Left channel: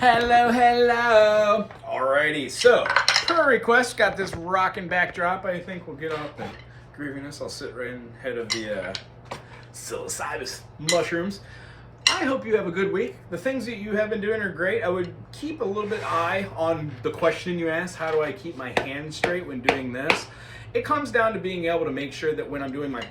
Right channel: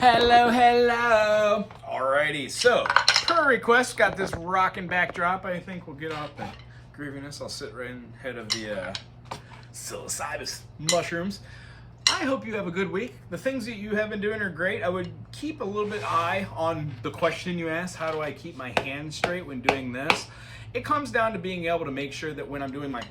Hello, hello. Alrighty, so per request, got this rocking backdrop. I think we'll get off the grieviness. I'll sit right in head of the psilocybus mushrooms. I hope you have a good week. The things that you have been doing are great. I would keep a little bit eye on the question you asked, how do I keep my hands straight when doing this? It comes down to being able to make sure that when I'm doing my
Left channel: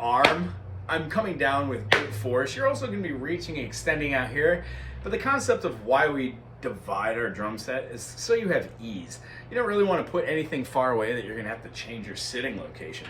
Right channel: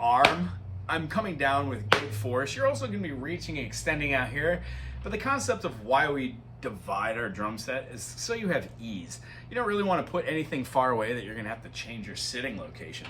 arm, I'm coming down with good force. You're also going to be reaching and extending out here. But the concept of why we divide our drum set is so you have ease. You don't really want to put anything far away that you're going to have to change your sitting location.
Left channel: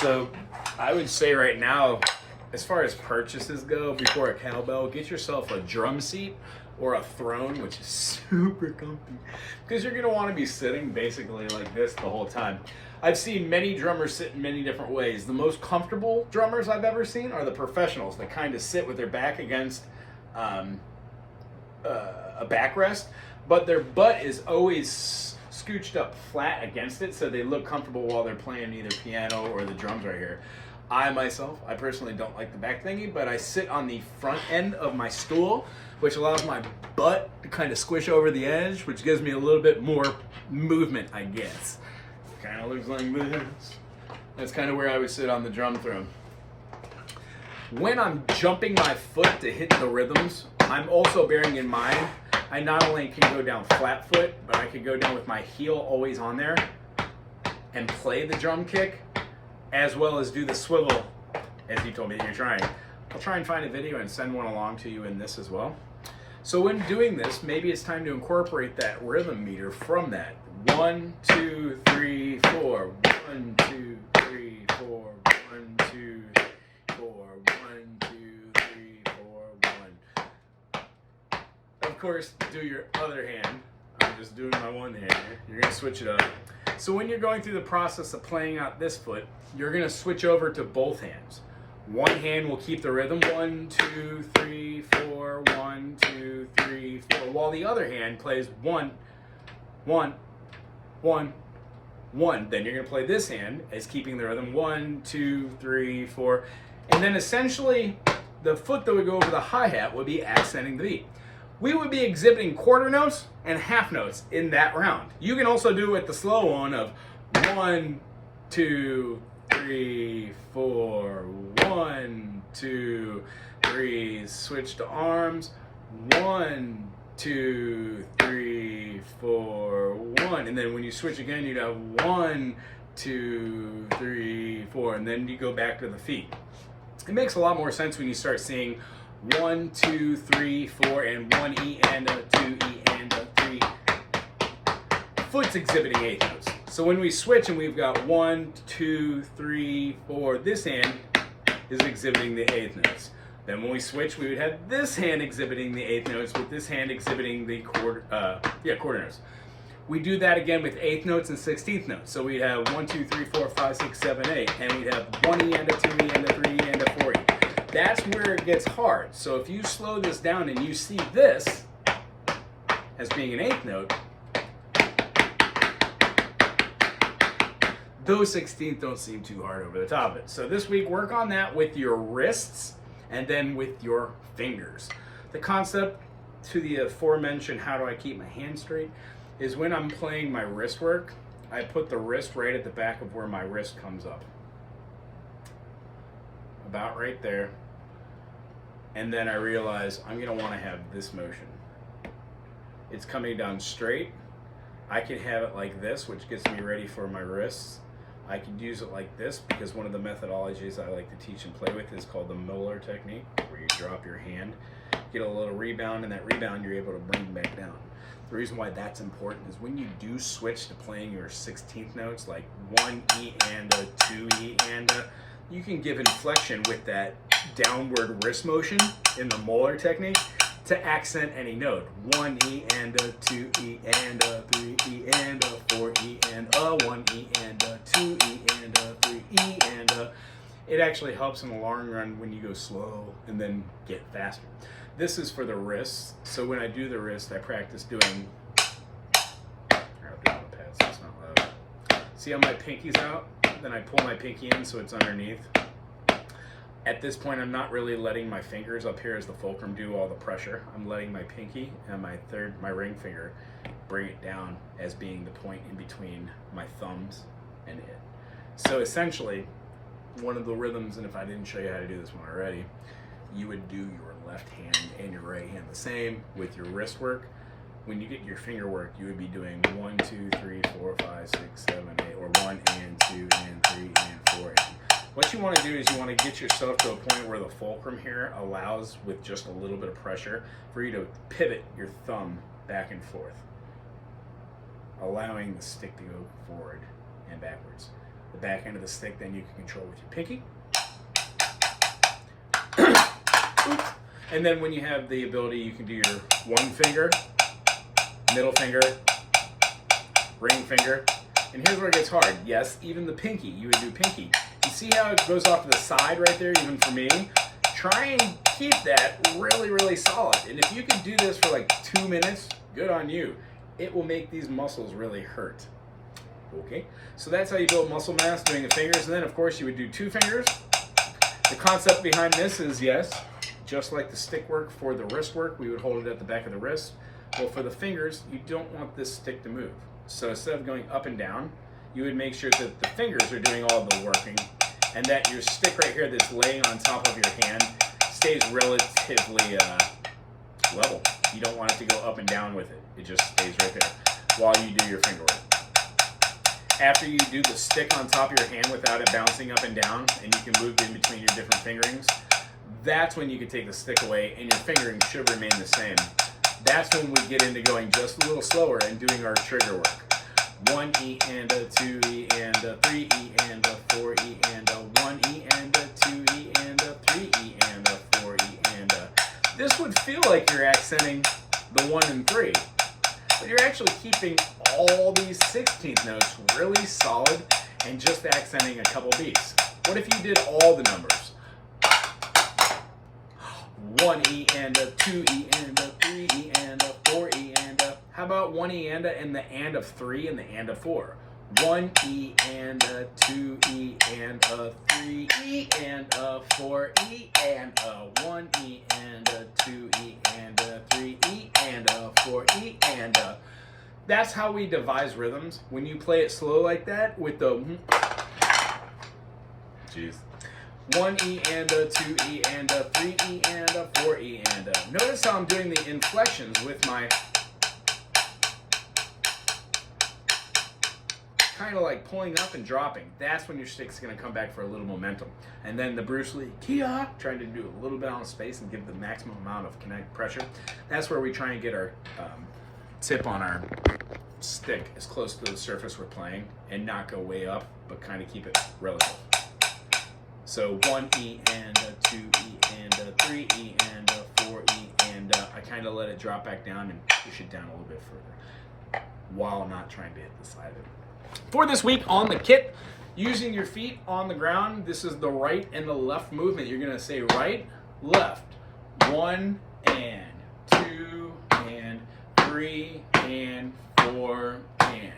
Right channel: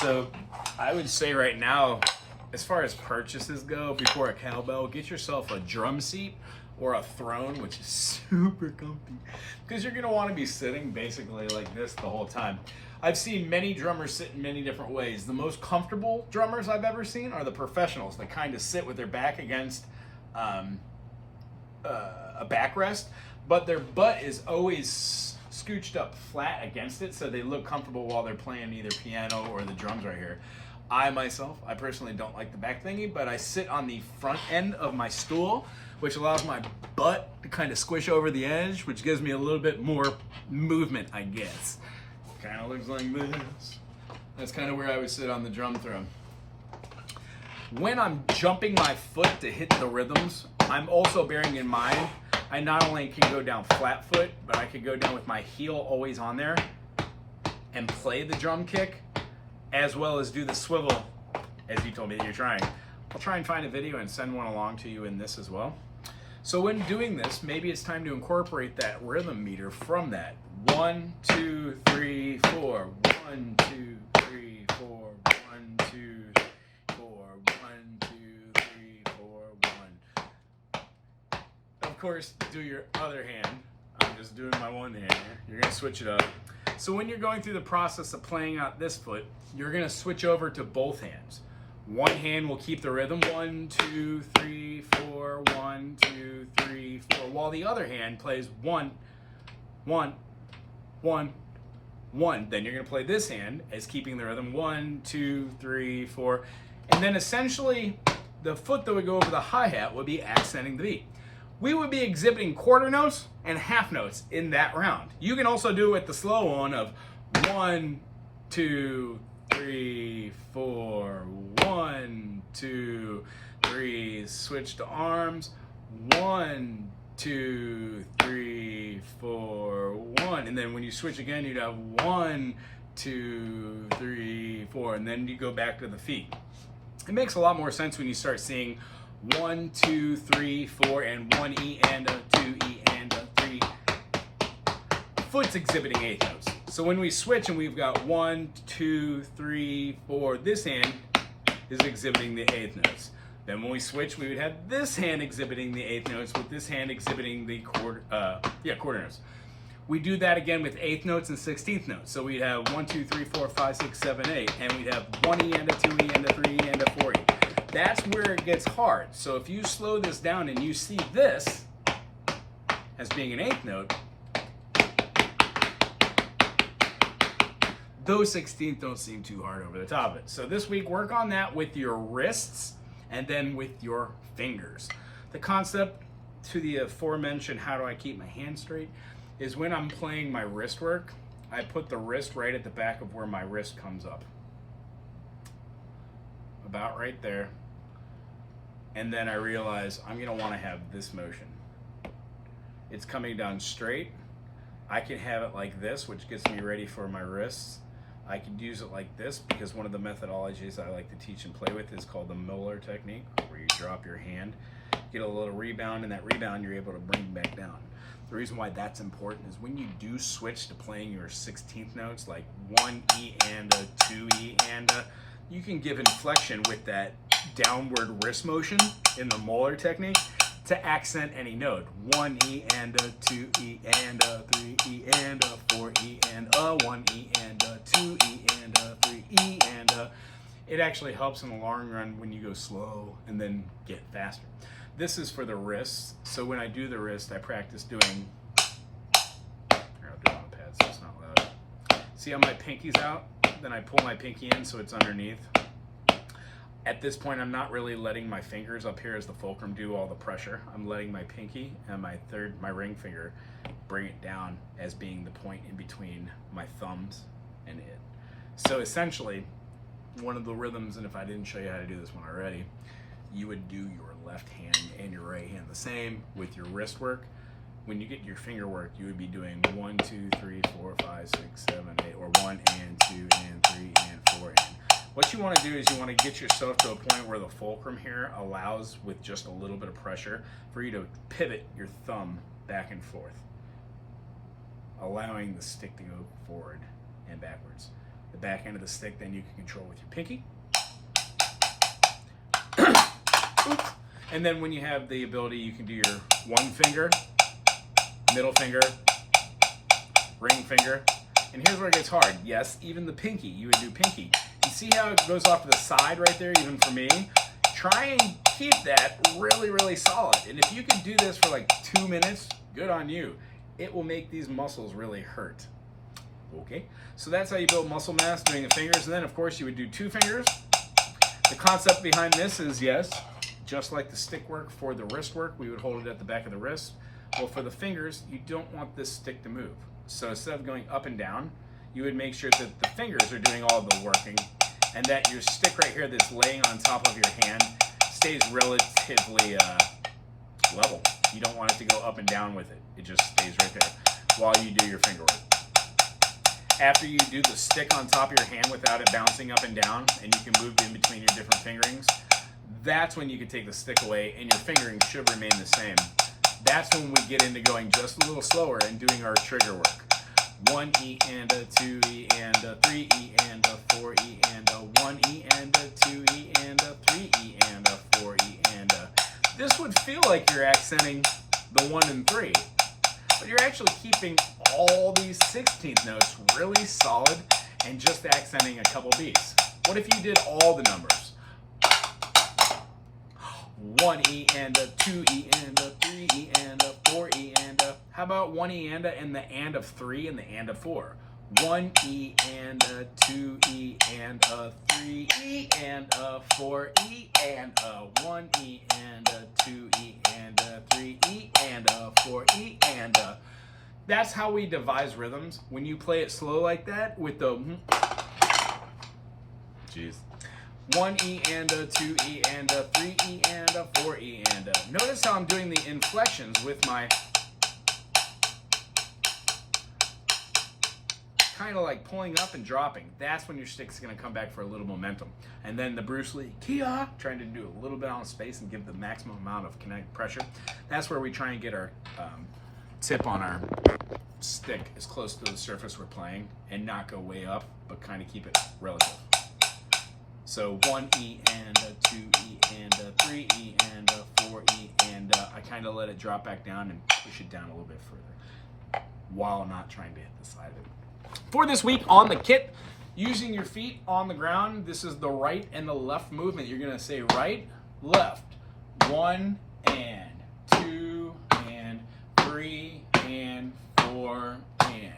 So I would say right now, as far as purchases go, before a cowbell, get yourself a drum seat or a throne, which is super comfy, because you're going to want to be sitting basically like this the whole time. I've seen many drummers sit in many different ways. The most comfortable drummers I've ever seen are the professionals that kind of sit with their back against a backrest, but their butt is always scooched up flat against it, so they look comfortable while they're playing either piano or the drums right here. I personally don't like the back thingy, but I sit on the front end of my stool, which allows my butt to kind of squish over the edge, which gives me a little bit more movement, I guess. Kind of looks like this. That's kind of where I would sit on the drum throne. When I'm jumping my foot to hit the rhythms, I'm also bearing in mind, I not only can go down flat foot, but I could go down with my heel always on there and play the drum kick, as well as do the swivel, as you told me that you're trying. I'll try and find a video and send one along to you in this as well. So when doing this, maybe it's time to incorporate that rhythm meter from that. 1, 2, 3, 4. 1, 2, 3, 4. 1, 2, 4. 1, 2, 3, 4. 1. Of course, do your other hand. I'm just doing my one hand here. You're gonna switch it up. So when you're going through the process of playing out this foot, you're gonna switch over to both hands. One hand will keep the rhythm, 1, 2, 3, 4, 1, 2, 3, 4, while the other hand plays 1, 1, 1, 1. Then you're gonna play this hand as keeping the rhythm, 1, 2, 3, 4. And then essentially, the foot that would go over the hi-hat would be accenting the beat. We would be exhibiting quarter notes and half notes in that round. You can also do it with the slow one of 1, 2, 3, 4, 1, 2, 3, switch to arms, 1, 2, 3, 4, 1. And then when you switch again, you'd have 1, 2, 3, 4, and then you go back to the feet. It makes a lot more sense when you start seeing 1, 2, 3, 4, and 1 E and a 2 E and a 3. Foot's exhibiting eighth notes. So when we switch and we've got 1, 2, 3, 4, this hand is exhibiting the eighth notes. Then when we switch, we would have this hand exhibiting the eighth notes with this hand exhibiting the quarter notes. We do that again with eighth notes and 16th notes. So we'd have 1, 2, 3, 4, 5, 6, 7, 8, and we'd have 1 E and a 2 E and a 3 E and a 4 E. That's where it gets hard. So if you slow this down and you see this as being an eighth note, those 16th don't seem too hard over the top of it. So this week, work on that with your wrists and then with your fingers. The concept to the aforementioned, how do I keep my hand straight, is when I'm playing my wrist work, I put the wrist right at the back of where my wrist comes up. About right there. And then I realize I'm gonna wanna have this motion. It's coming down straight. I can have it like this, which gets me ready for my wrists. I could use it like this because one of the methodologies I like to teach and play with is called the Moeller technique, where you drop your hand, get a little rebound, and that rebound you're able to bring back down. The reason why that's important is when you do switch to playing your 16th notes, like 1 E and a 2 E and a, you can give inflection with that downward wrist motion in the Moeller technique to accent any note. 1 E and a 2 E and a 3 E and a 4 E and a 1 E and a 2 E and a 3 E and a. It actually helps in the long run when you go slow and then get faster. This is for the wrists. So when I do the wrist, I practice doing. I'll do it on the pad so it's not loud. See how my pinky's out? Then I pull my pinky in so it's underneath. At this point, I'm not really letting my fingers up here as the fulcrum do all the pressure. I'm letting my pinky and my ring finger bring it down as being the point in between my thumbs and it. So essentially, one of the rhythms, and if I didn't show you how to do this one already, you would do your left hand and your right hand the same with your wrist work. When you get your finger work, you would be doing 1, 2, 3, 4, 5, 6, 7, 8, or 1 and 2 and 3 and 4 and. What you want to do is you want to get yourself to a point where the fulcrum here allows, with just a little bit of pressure, for you to pivot your thumb back and forth, allowing the stick to go forward and backwards. The back end of the stick then you can control with your pinky. And then when you have the ability, you can do your one finger, middle finger, ring finger. And here's where it gets hard. Yes, even the pinky, you would do pinky. You see how it goes off to the side right there, even for me? Try and keep that really, really solid. And if you can do this for like 2 minutes, good on you. It will make these muscles really hurt. Okay, so that's how you build muscle mass, doing the fingers. And then, of course, you would do 2 fingers. The concept behind this is, yes, just like the stick work for the wrist work, we would hold it at the back of the wrist. Well, for the fingers, you don't want this stick to move. So instead of going up and down, you would make sure that the fingers are doing all the working and that your stick right here that's laying on top of your hand stays relatively level. You don't want it to go up and down with it. It just stays right there while you do your finger work. After you do the stick on top of your hand without it bouncing up and down, and you can move in between your different fingerings, that's when you can take the stick away and your fingering should remain the same. That's when we get into going just a little slower and doing our trigger work. 1 E and a 2 E and a 3 E and a 4 E and a 1 E and a 2 E and a 3 E and a 4 E and a. This would feel like you're accenting the 1 and 3, but you're actually keeping all these 16th notes really solid and just accenting a couple beats. What if you did all the numbers? 1 E and a 2 E and a 3 E and a 4 E and a. How about 1 E and a 3 and the and a 4? 1 E and a 2 E and a 3 E and a 4 E and a 1 E and a 2 E and a 3 E and a 4 E and a. That's how we devise rhythms. When you play it slow like that with the jeez. 1 E and a 2 E and a 3 E and a 4 E and a. Notice how I'm doing the inflections with my kind of like pulling up and dropping. That's when your stick's going to come back for a little momentum. And then the Bruce Lee Kia, trying to do a little bit on space and give the maximum amount of kinetic pressure. That's where we try and get our tip on our stick as close to the surface we're playing and not go way up, but kind of keep it relative. So 1 E and a 2 E and a 3 E and a 4 E and I kind of let it drop back down and push it down a little bit further while not trying to hit the side of it. For this week on the kit, using your feet on the ground, this is the right and the left movement. You're going to say right, left, 1 and 2 and 3 and 4 and.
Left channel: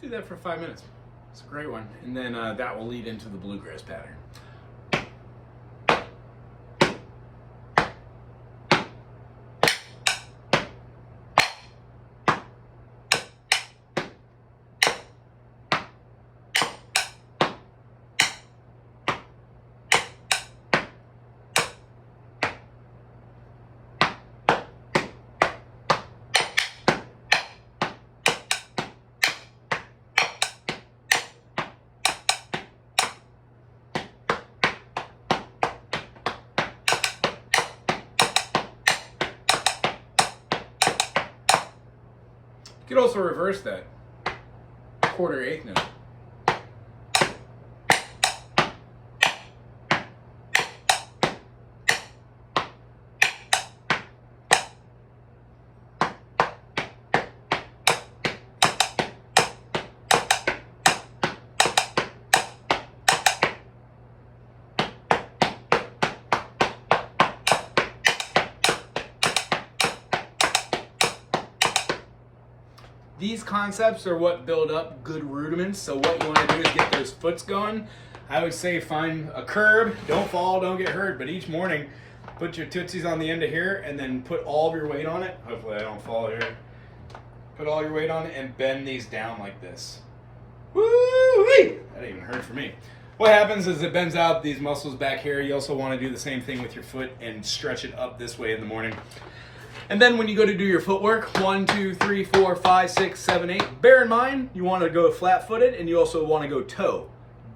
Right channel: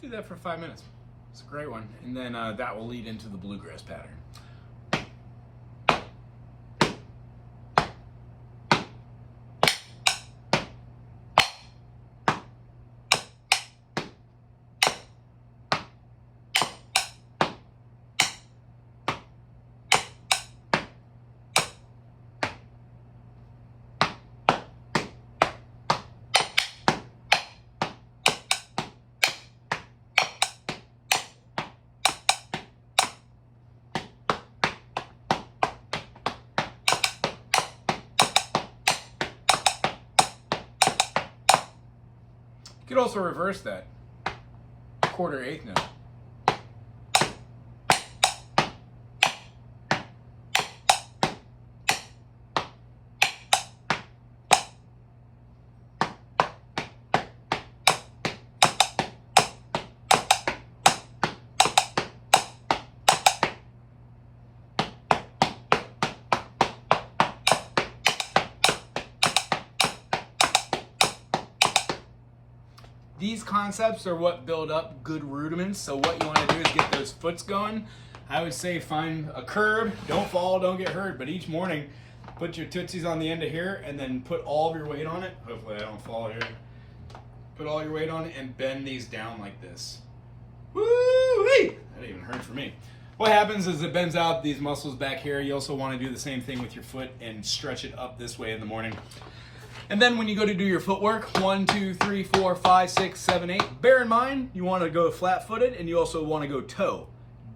Do that for 5 minutes. It's a great one. And then that will lead into the bluegrass pattern. could also reverse that. Quarter eighth note. These concepts are what build up good rudiments. So what you want to do is get those foots going. I would say find a curb. Don't fall, don't get hurt. But each morning, put your tootsies on the end of here and then put all of your weight on it. Hopefully I don't fall here. Put all your weight on it and bend these down like this. Woo-wee! That even hurt for me. What happens is it bends out these muscles back here. You also want to do the same thing with your foot and stretch it up this way in the morning. And then when you go to do your footwork, 1, 2, 3, 4, 5, 6, 7, 8, bear in mind, you want to go flat-footed and you also want to go toe,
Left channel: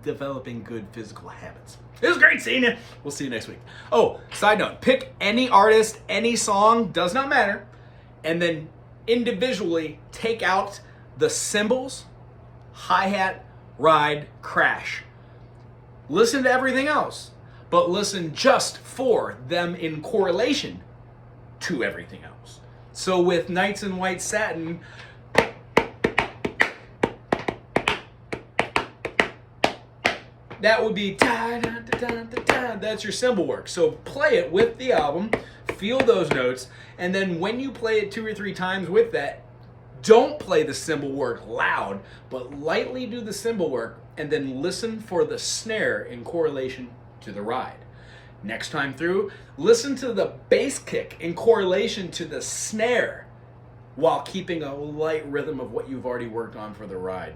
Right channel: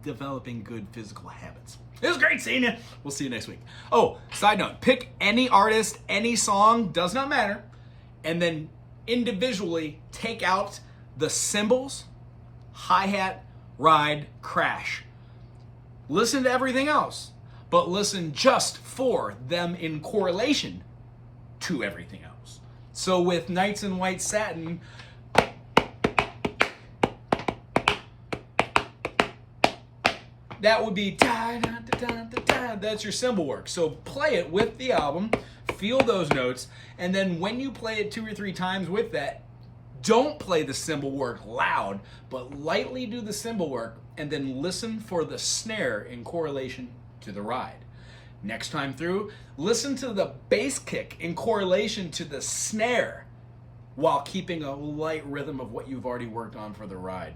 developing good physical habits. It was great seeing you. We'll see you next week. Oh, side note, pick any artist, any song, does not matter, and then individually take out the cymbals, hi-hat, ride, crash. Listen to everything else, but listen just for them in correlation to everything else. So with Knights in White Satin, that would be da, da, da, da, da, da. That's your cymbal work. So play it with the album, feel those notes, and then when you play it 2 or 3 times with that, don't play the cymbal work loud, but lightly do the cymbal work and then listen for the snare in correlation to the ride. Next time through, listen to the bass kick in correlation to the snare while keeping a light rhythm of what you've already worked on for the ride.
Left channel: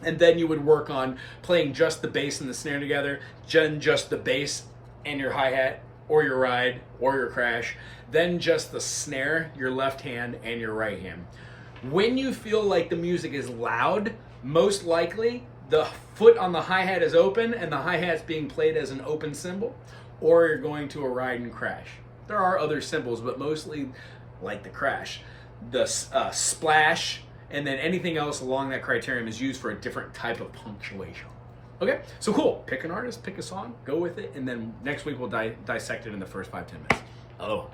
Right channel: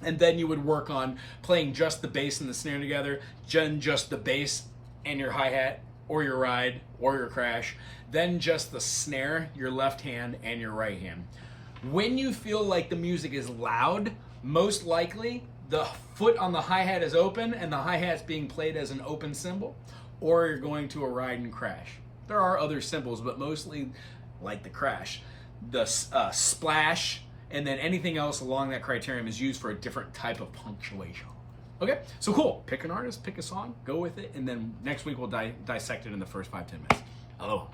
And then you would work on playing just the bass and the snare together, then just the bass and your hi-hat, or your ride, or your crash, then just the snare, your left hand, and your right hand. When you feel like the music is loud, most likely the foot on the hi-hat is open and the hi-hat's being played as an open cymbal, or you're going to a ride and crash. There are other cymbals, but mostly like the crash. The splash, and then anything else along that criterion is used for a different type of punctuation. Okay, so cool. Pick an artist, pick a song, go with it, and then next week we'll dissect it in the first 5-10 minutes. Aloha.